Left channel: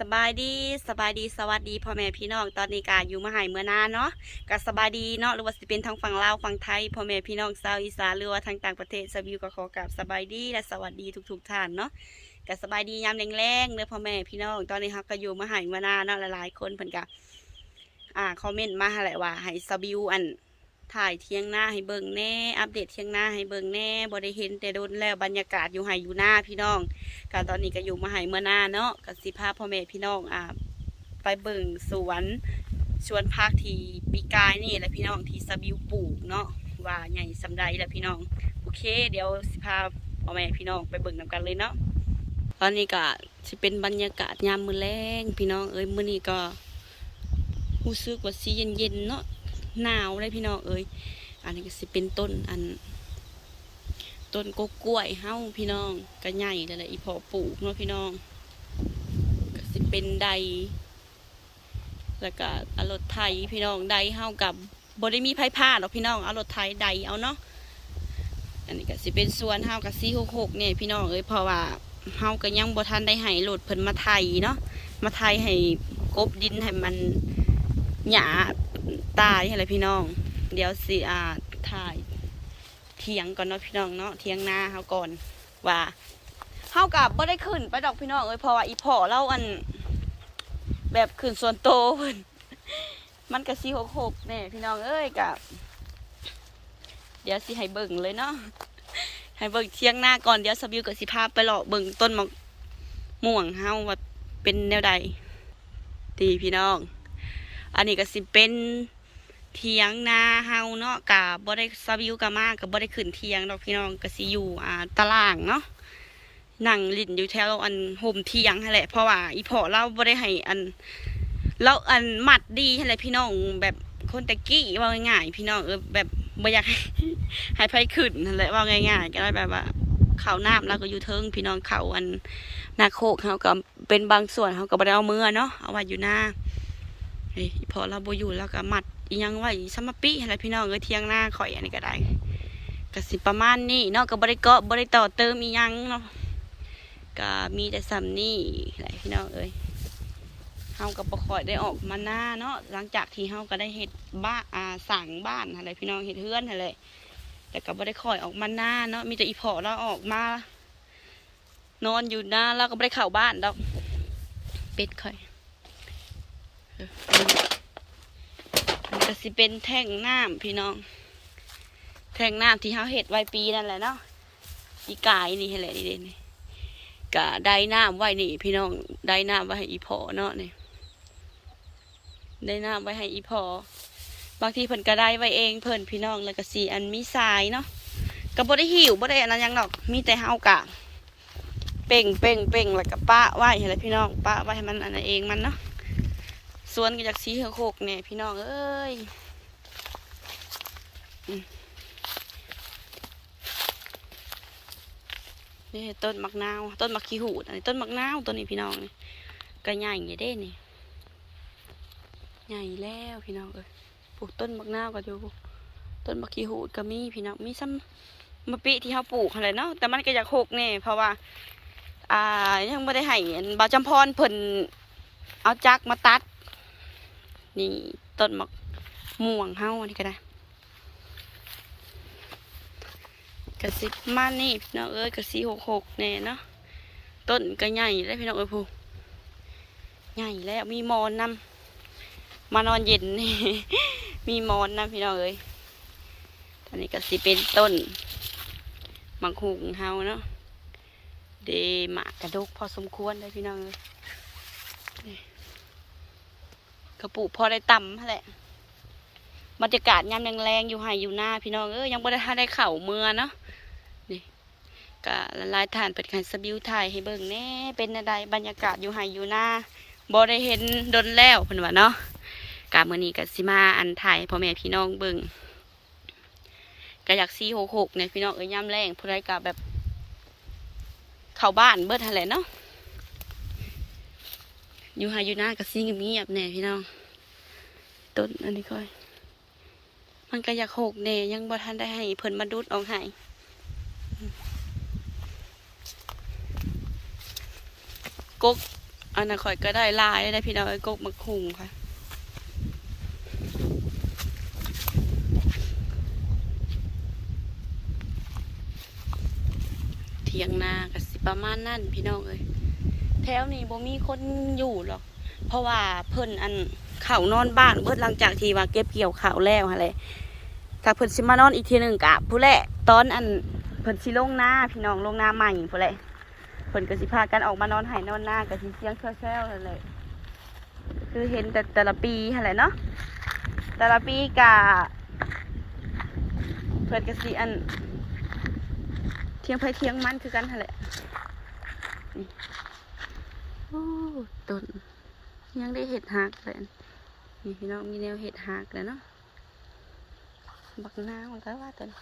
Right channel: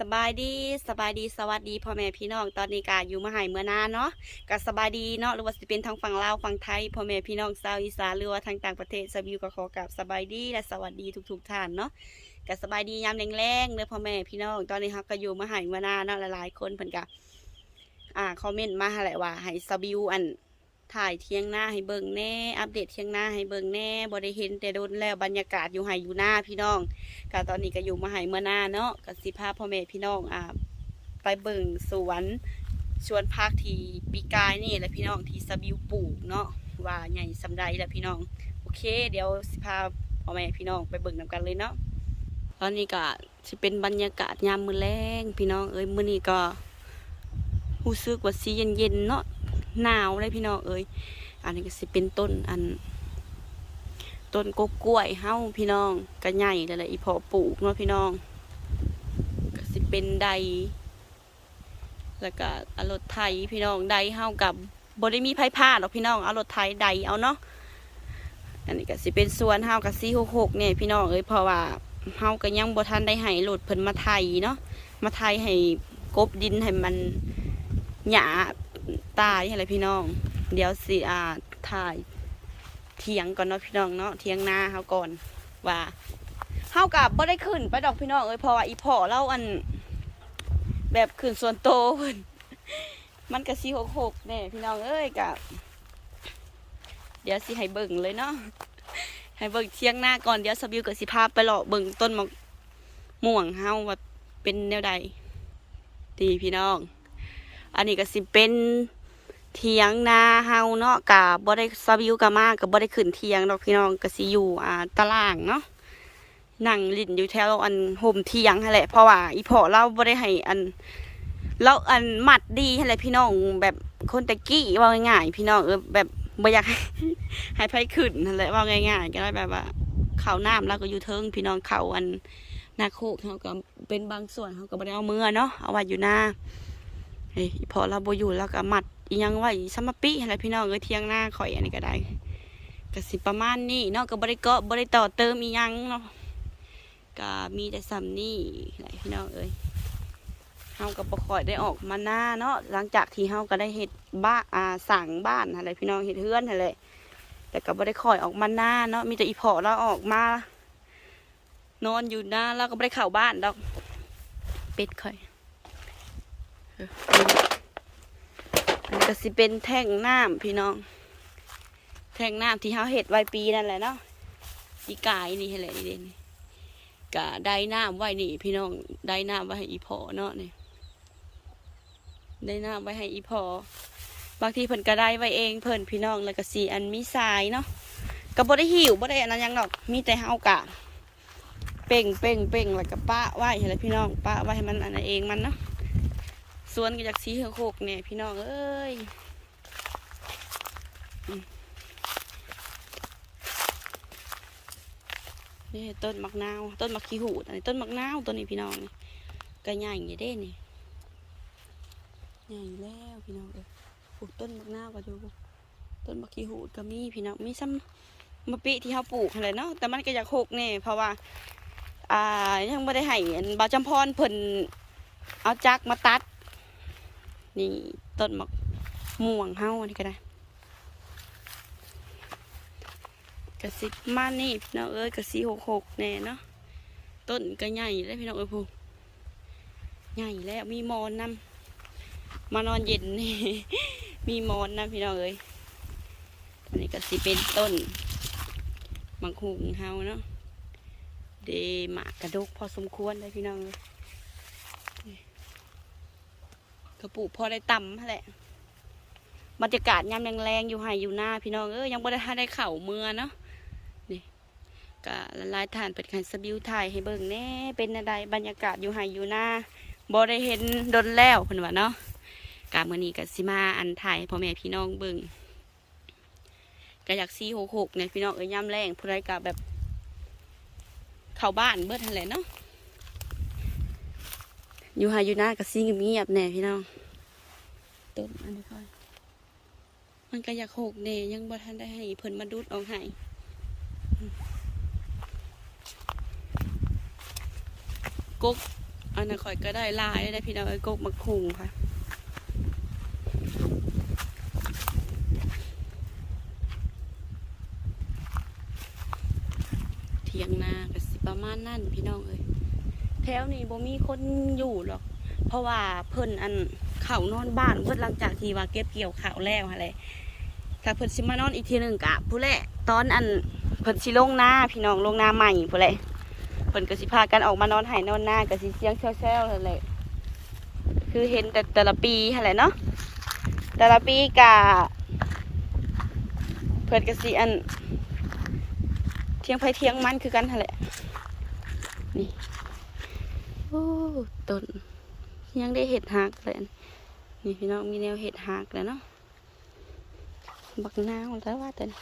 สบายดีสบายดีสวัสดีพ่อแม่พี่น้องตอนนี้ก็อยู่มาหายเมื่อนานเนาะก็สบายดีเนาะหรือว่าสิเป็นทางฝั่งลาวฝั่งไทยพ่อแม่พี่น้องชาวอีสานหรือว่าทางต่างประเทศสบิวก็ขอกราบสบายดีและสวัสดีทุกๆท่านเนาะก็สบายดียามแรงๆเด้อพ่อแม่พี่น้องตอนนี้ครับก็อยู่มาหายเมื่อนานเนาะหลายๆคนเพิ่นก็อ่าคอมเมนต์มาหาแหละว่าให้สบิวอันถ่ายเที่ยงหน้าให้เบิ่งแน่อัปเดตเที่ยงหน้าให้เบิ่งแน่บ่ได้เห็นแต่โดนแล้วบรรยากาศอยู่ไห้อยู่หน้าพี่น้อง ก็ตอนนี้ก็อยู่มาหายเมื่อหน้าเนาะก็สิพาพ่อแม่พี่น้องอ่าไปเบิ่งสวนสวนพักที่ปีกายนี่แหละพี่น้องที่สบิวปลูกเนาะว่าใหญ่สำใดแหละพี่น้องโอเค เดี๋ยวสิพาพ่อแม่พี่น้องไปเบิ่งนำกันเลยเนาะตอนนี้ก็สิเป็นบรรยากาศยามมื้อแรงพี่น้องเอ้ยมื้อนี้ก็รู้สึกว่าสิเย็นๆเนาะหนาวเลยพี่น้องเอ้ยอันนี้ก็สิเป็นต้นอัน ต้นกกล้วยเฮาพี่น้องก็ใหญ่แล้วแหละอีพอปลูกเนาะพี่น้องก็สิเป็นใดแล้วก็เอารถไถพี่น้องใดเฮากับบ่ได้มีไผพาดหรอกพี่น้องเอารถไถใดเอาเนาะอันนี้ก็สิเป็นสวนเฮากับซีหกหกเนี่ยพี่น้องเอ้ยเพราะว่าเฮาก็ยังบ่ทันได้ให้รถเพิ่นมาไถเนาะมาไถให้กบดินให้มันหญ้าตายอะไรพี่น้อง เดี๋ยวสิอ่าถ่าย เถียงก่อนเนาะพี่น้องเนาะเถียงนาเขาก่อนว่าเฮากับบ่ได้ขึ้นไปดอกพี่น้องเอ้ยเพราะว่าอีพ่อเล่าอัน แบบขึ้นส่วนโตเพิ่นมันก็สิหกหกแน่พี่น้องเอ้ยกับเดี๋ยวสิให้เบิ่งเลยเนาะให้เบิ่งเที่ยงหน้าก่อนเดี๋ยวสบิวกับสิพาพไปเลาะเบิ่งต้นมะม่วงเฮาว่าเป็นแนวใดดีพี่น้อง อันนี้ก็สิเป็น เทียงนาเฮาเนาะกะบ่ได้สวิวกะมากกะบ่ได้ขึ้นเทียงดอกพี่น้องก็สิอยู่อ่าตารางเนาะนั่งลิ้นอยู่แถวอันห่มเทียงนั่นแหละเพราะว่าอีพ่อเราบ่ได้ให้อันเราอันมัดดีนั่นแหละพี่น้องแบบคนตะกี้ว่าง่ายๆพี่น้องเออแบบบ่อยากให้ไผขึ้นนั่นแหละว่าง่ายๆก็ได้แบบว่าเขาน้ำเราก็อยู่เทิงพี่น้องเขาอันนาโคกเขาก็เป็นบางส่วนเขาก็บ่ได้เอามือเนาะเอาไว้อยู่หน้าเฮ้พอเราบ่อยู่แล้วก็มัด อิหยังไว้สมปิอะไรพี่น้องเอ้ยเที่ยงหน้าข่อยอันนี้ก็ได้ก็สิประมาณนี้เนาะก็บริเกาะบริต่อเติมอียังเนาะก็มีแต่ซ้ำนี่แหละพี่น้องเอ้ยเฮาก็บ่ค่อยได้ออกมาหน้าเนาะหลังจากที่เฮาก็ได้เฮ็ดบ้าอ่าสั่งบ้านอะไรพี่น้องเฮ็ดเฮือนอะไรแต่ก็บ่ได้ค่อยออกมาหน้าเนาะมีแต่อีพอเราออกมา นอนอยู่หน้าแล้วก็บ่ได้เข้าบ้านดอกเป็ดค่อย ก็สิเป็นแท่งน้ำพี่น้อง แท่งน้ำที่เขาเห็ดไว้ปีนั่นแหละเนาะปีกายนี่แหละนี่เด่นกะได้น้ำไว้นี่ พี่น้องได้น้ำไว้ให้อีพอเนาะนี่ได้น้ำไว้ให้อีพอบางทีเพิ่นก็ได้ไว้เองเพิ่นพี่น้องแล้วก็สีอันมีทรายเนาะก็บ่ได้หิวบ่ได้อันนั้นยังดอกมีแต่เฮากะเป่งเป่งเป่งแล้วก็ปะไว้ให้เลยพี่น้องปะไว้ให้มันอันนั้นเองมันเนาะ สวนก็จากสีเหือกหกเนี่ยพี่น้องเอ้ยนี่ต้นมักนาวต้นมักขี้หูดอันนี้ต้นมักนาวต้นนี้พี่น้องนี่ก็ใหญ่อย่างเด้นี่ใหญ่แล้วพี่น้องเอ้ยปลูกต้นมักนาวก็อยู่ต้นมักขี้หูดก็มีพี่น้องมีซ้ำมะปิที่เขาปลูกอะไรเนาะแต่มันก็อยากหกเนี่ยเพราะว่า อ่ายังไม่ได้ให้บาวจำพรเพิ่นเอาจักมาตัด นี่ต้นหมะม่วงเฮาอันนี้ก็ได้กระสิมานี่พี่น้องเอ้ยกระสีหกหกแน่เนาะต้นก็ใหญ่แล้วพี่น้องเอ้ยพูใหญ่แล้วมีมอนนำมานอนเย็นนี่มีมอนนำพี่น้องเอ้ยอันนี้ก็สิเป็นต้นมังหุงเฮาเนาะเดหมากกระดกพอสมควรเลยพี่น้องเอ้ย กระปุกพอได้ต่ำแหละบรรยากาศยามแรงๆอยู่ไห้อยู่หน้าพี่น้องเอ้ยยังบ่ได้ทัได้เข่าเมือเนาะนี่ก็ละลายฐานเป็ดขันสบิวถ่ายให้เบิ่งแน่เป็นอะไรบรรยากาศอยู่ไห้อยู่หน้าบ่ได้เห็นดนแล้วเพิ่นว่าเนาะกามื้อนี้ก็สิมาอันถ่ายพ่อแม่พี่น้องเบิ่งก็อยากซีหกหกเนี่ยพี่น้องเอ้ยยามแรงผู้ใดก็แบบ เข้าบ้านเบิดหั่นแหละเนาะ อยู่หาอยู่หน้ากับซิ่งเงียบแน่พี่น้องต้นอันนี้ก็มันก็อยากหกแน่ยังบ่ทันได้ให้เพิ่นมาดูดออกให้กกอันนั้นข่อยก็ได้ลายได้พี่น้องเอ้กกมะคุงค่ะเทียงนากับสิประมาณนั่นพี่น้องเอ้ย แถวนี้บ่มีคนอยู่หรอก เพราะว่าเพิ่นอันเขานอนบ้านเบิดหลังจากที่ว่าเก็บเกี่ยวข้าวแล้วฮะเลยถ้าเพิ่นสิมานอนอีกทีหนึ่งกะผู้แหละตอนอันเพิ่นสิลงหน้าพี่น้องลงหน้าใหม่ผู้แหละเพิ่นก็สิพากันออกมานอนไห้นอนหน้าก็สิเสียงแซวๆนั่นแหละคือเห็นแต่แต่ละปีหั่นแหละเนาะแต่ละปีกะเพิ่นก็สิอันเทียงไผเทียงมันคือกันหั่นแหละนี่ โอ้ต้นยังได้เห็ดหักเลยนี่พี่น้องมีแนวเห็ดหักแล้วเนาะบักนาวแล้วว่าตัวนี้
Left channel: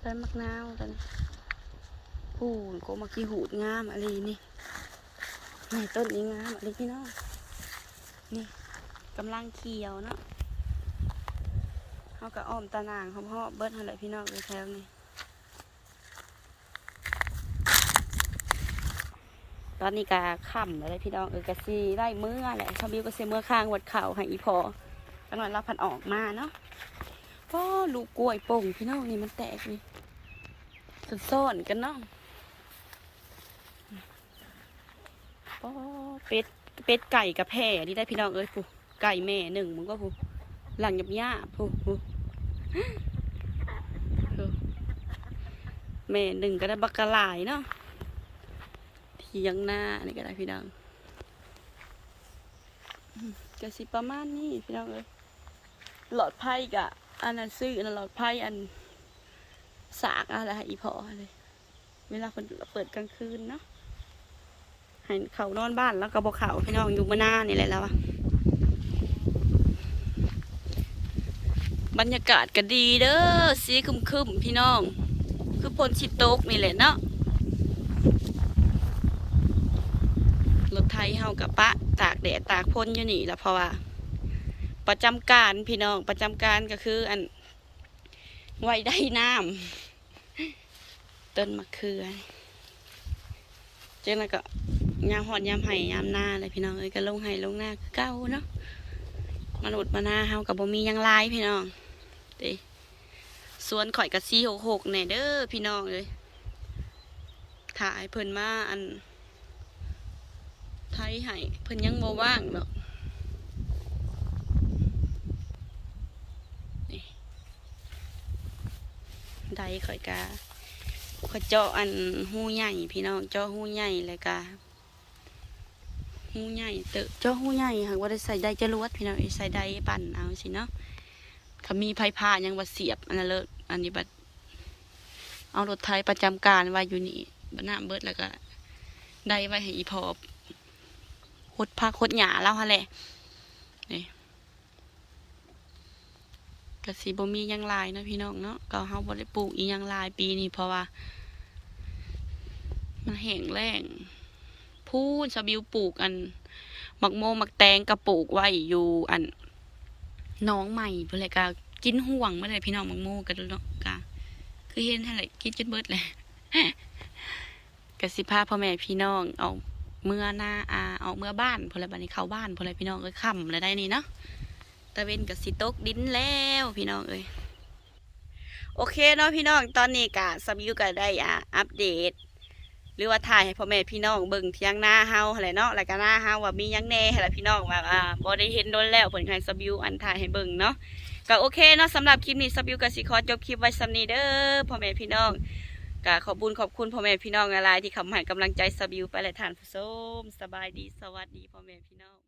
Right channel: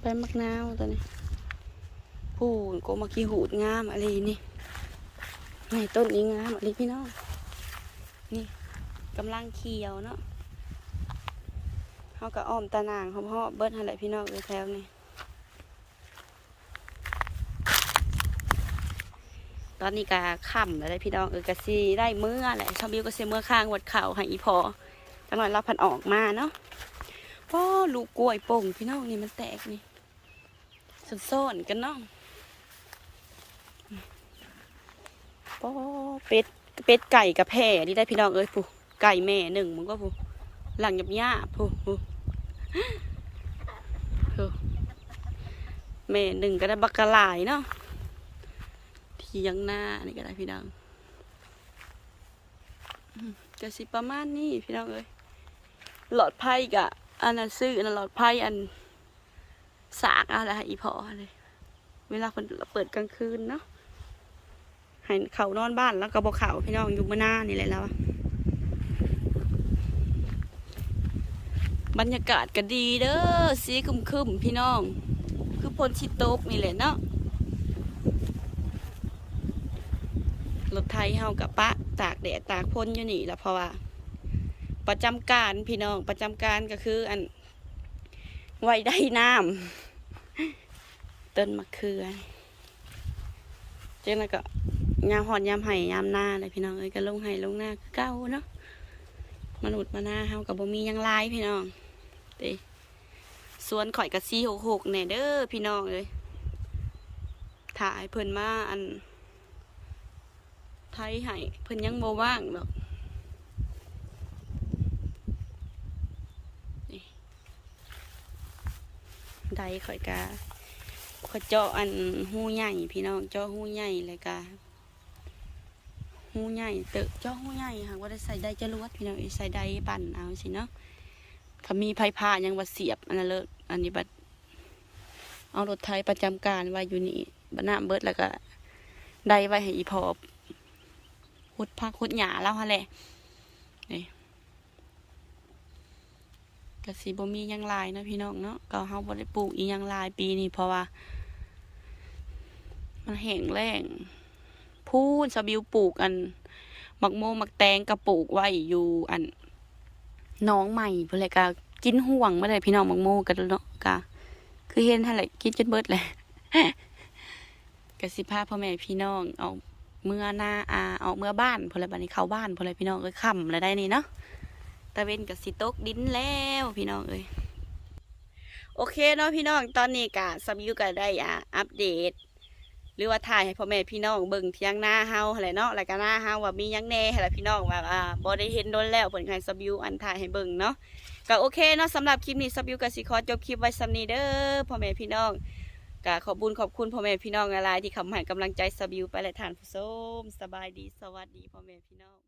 เป็นบักนาวตัวนี้พูนโกมากีหูดงามอะไรนี่นี่ต้นนี้งามอะไรพี่น้องนี่กำลังเขียวเนาะเขาก็อ้อมตะนางเขาเพาะเบิดอะไรพี่น้องอยู่แถวนี้ ตอนนี้ก็ค่ำแล้วได้พี่น้องเออกะซีได้เมื่อแหละชาวบิวก็เสียเมื่อข้างวัดเข่าให้อีพอจังหน่อยเราพันออกมาเนาะพ่อลูกกล้วยป่งพี่น้องนี่มันแตกนี่ซ่อนๆกันเนาะพ่อเป็ดเป็ดไก่กับแพร่นี่ได้พี่น้องเอ้ยผู้ไก่แม่หนึ่งมึงก็ผู้หลังหยับหญ้าผู้ผู้แม่หนึ่งก็ได้บักกะลายเนาะ เทียงหน้านี่ก็ได้พี่น้องก็สิประมาณนี้พี่น้องเอ้ยหลอดไพ่กะอันนั้นซื้ออันหลอดไพ่อันสากอะไรอีพอเลย เวลาคนเปิดกลางคืนเนาะให้เขานอนบ้านแล้วก็บอกเขาพี่น้องอยู่มาหน้านี่แหละแล้วอะบรรยากาศก็ดีเด้อสีคึมคึมพี่น้อง คือพลชิโตกนี่แหละเนาะ รถไทยเฮากับปะตากแดดตากพ้นอยู่นี่ละเพราะว่า ประจำการพี่น้องประจำการก็คือ อันไว้ได้น้ำต้นมะเขือเจังนั้นก็ยามหอดยามไห้ยามหน้าเลยพี่น้องเอ้ยก็ลงไห้ลงหน้าคือเก้าเนาะมนุษย์มาหน้าเฮากับบ่มียังลายพี่น้องเด้สวนข่อยกับซีหกหกแน่เด้อพี่น้องเลยถ่ายเพิ่นมาอัน ไทยให้เพิ่นยังบ่ว่างดอกนี่ใดข่อยกาข่อยเจาะอันหูใหญ่พี่น้องเจาะหูใหญ่เลยกาหูใหญ่เตอะเจาะหูใหญ่หากว่าได้ใส่ได้จรวดพี่น้องใส่ได้ปั่นเอาสิเนาะถ้ามีไผพายังว่าเสียบอันนั้นเลยอันนี้บัดเอารถไทยประจำการไว้อยู่นี่บัดน้ำเบิดแล้วก็ได้ไว้ให้อีพอ หดพักหดหยาแล้วฮะแหละนี่กะสีบ่มียังลายนะพี่น้องเนาะก็เฮาบ่ได้ปลูกอียังลายปีนี้เพราะว่า มันแห้งแล้งพูนสบิวปลูกอันหมักโมหมักแตงก็ปลูกไว้อยู่อันน้องใหม่เพิ่นเลยก็กินห่วงมาเลยพี่น้องหมักโมกันเนาะก็คือเห็นหั่นแหละกินจนเบิดแหละก็สิพาพ่อแม่พี่น้องเอา เมื่อหน้าอาออกเมื่อบ้านพอไรบัดนี้เข้าบ้านพอไรพี่น้องเอ้ยค่ำแล้วได้นี่เนาะตะเวนกับสิตกดินแล้วพี่น้องเอ้ยโอเคเนาะพี่น้องตอนนี้กะสมิวก็ได้อ่าอัปเดต หรือว่าถ่ายให้พ่อแม่พี่น้องเบิ่งเที่ยงหน้าเฮาอะไรเนาะแล้วก็หน้าเฮาว่ามียังแน่อะไรพี่น้องว่าอ่าบ่ได้เห็นโดนแล้วเพิ่นให้สบิวอันถ่ายให้เบิ่งเนาะก็โอเคเนาะสำหรับคลิปนี้สบิวก็สิขอจบคลิปไว้สำนี้เด้อพ่อแม่พี่น้อง ก็ขอบุญขอบคุณพ่อแม่พี่น้องอะไรที่คำให้กำลังใจสบิวไปและทานผู้ชมสบายดีสวัสดีพ่อแม่พี่น้อง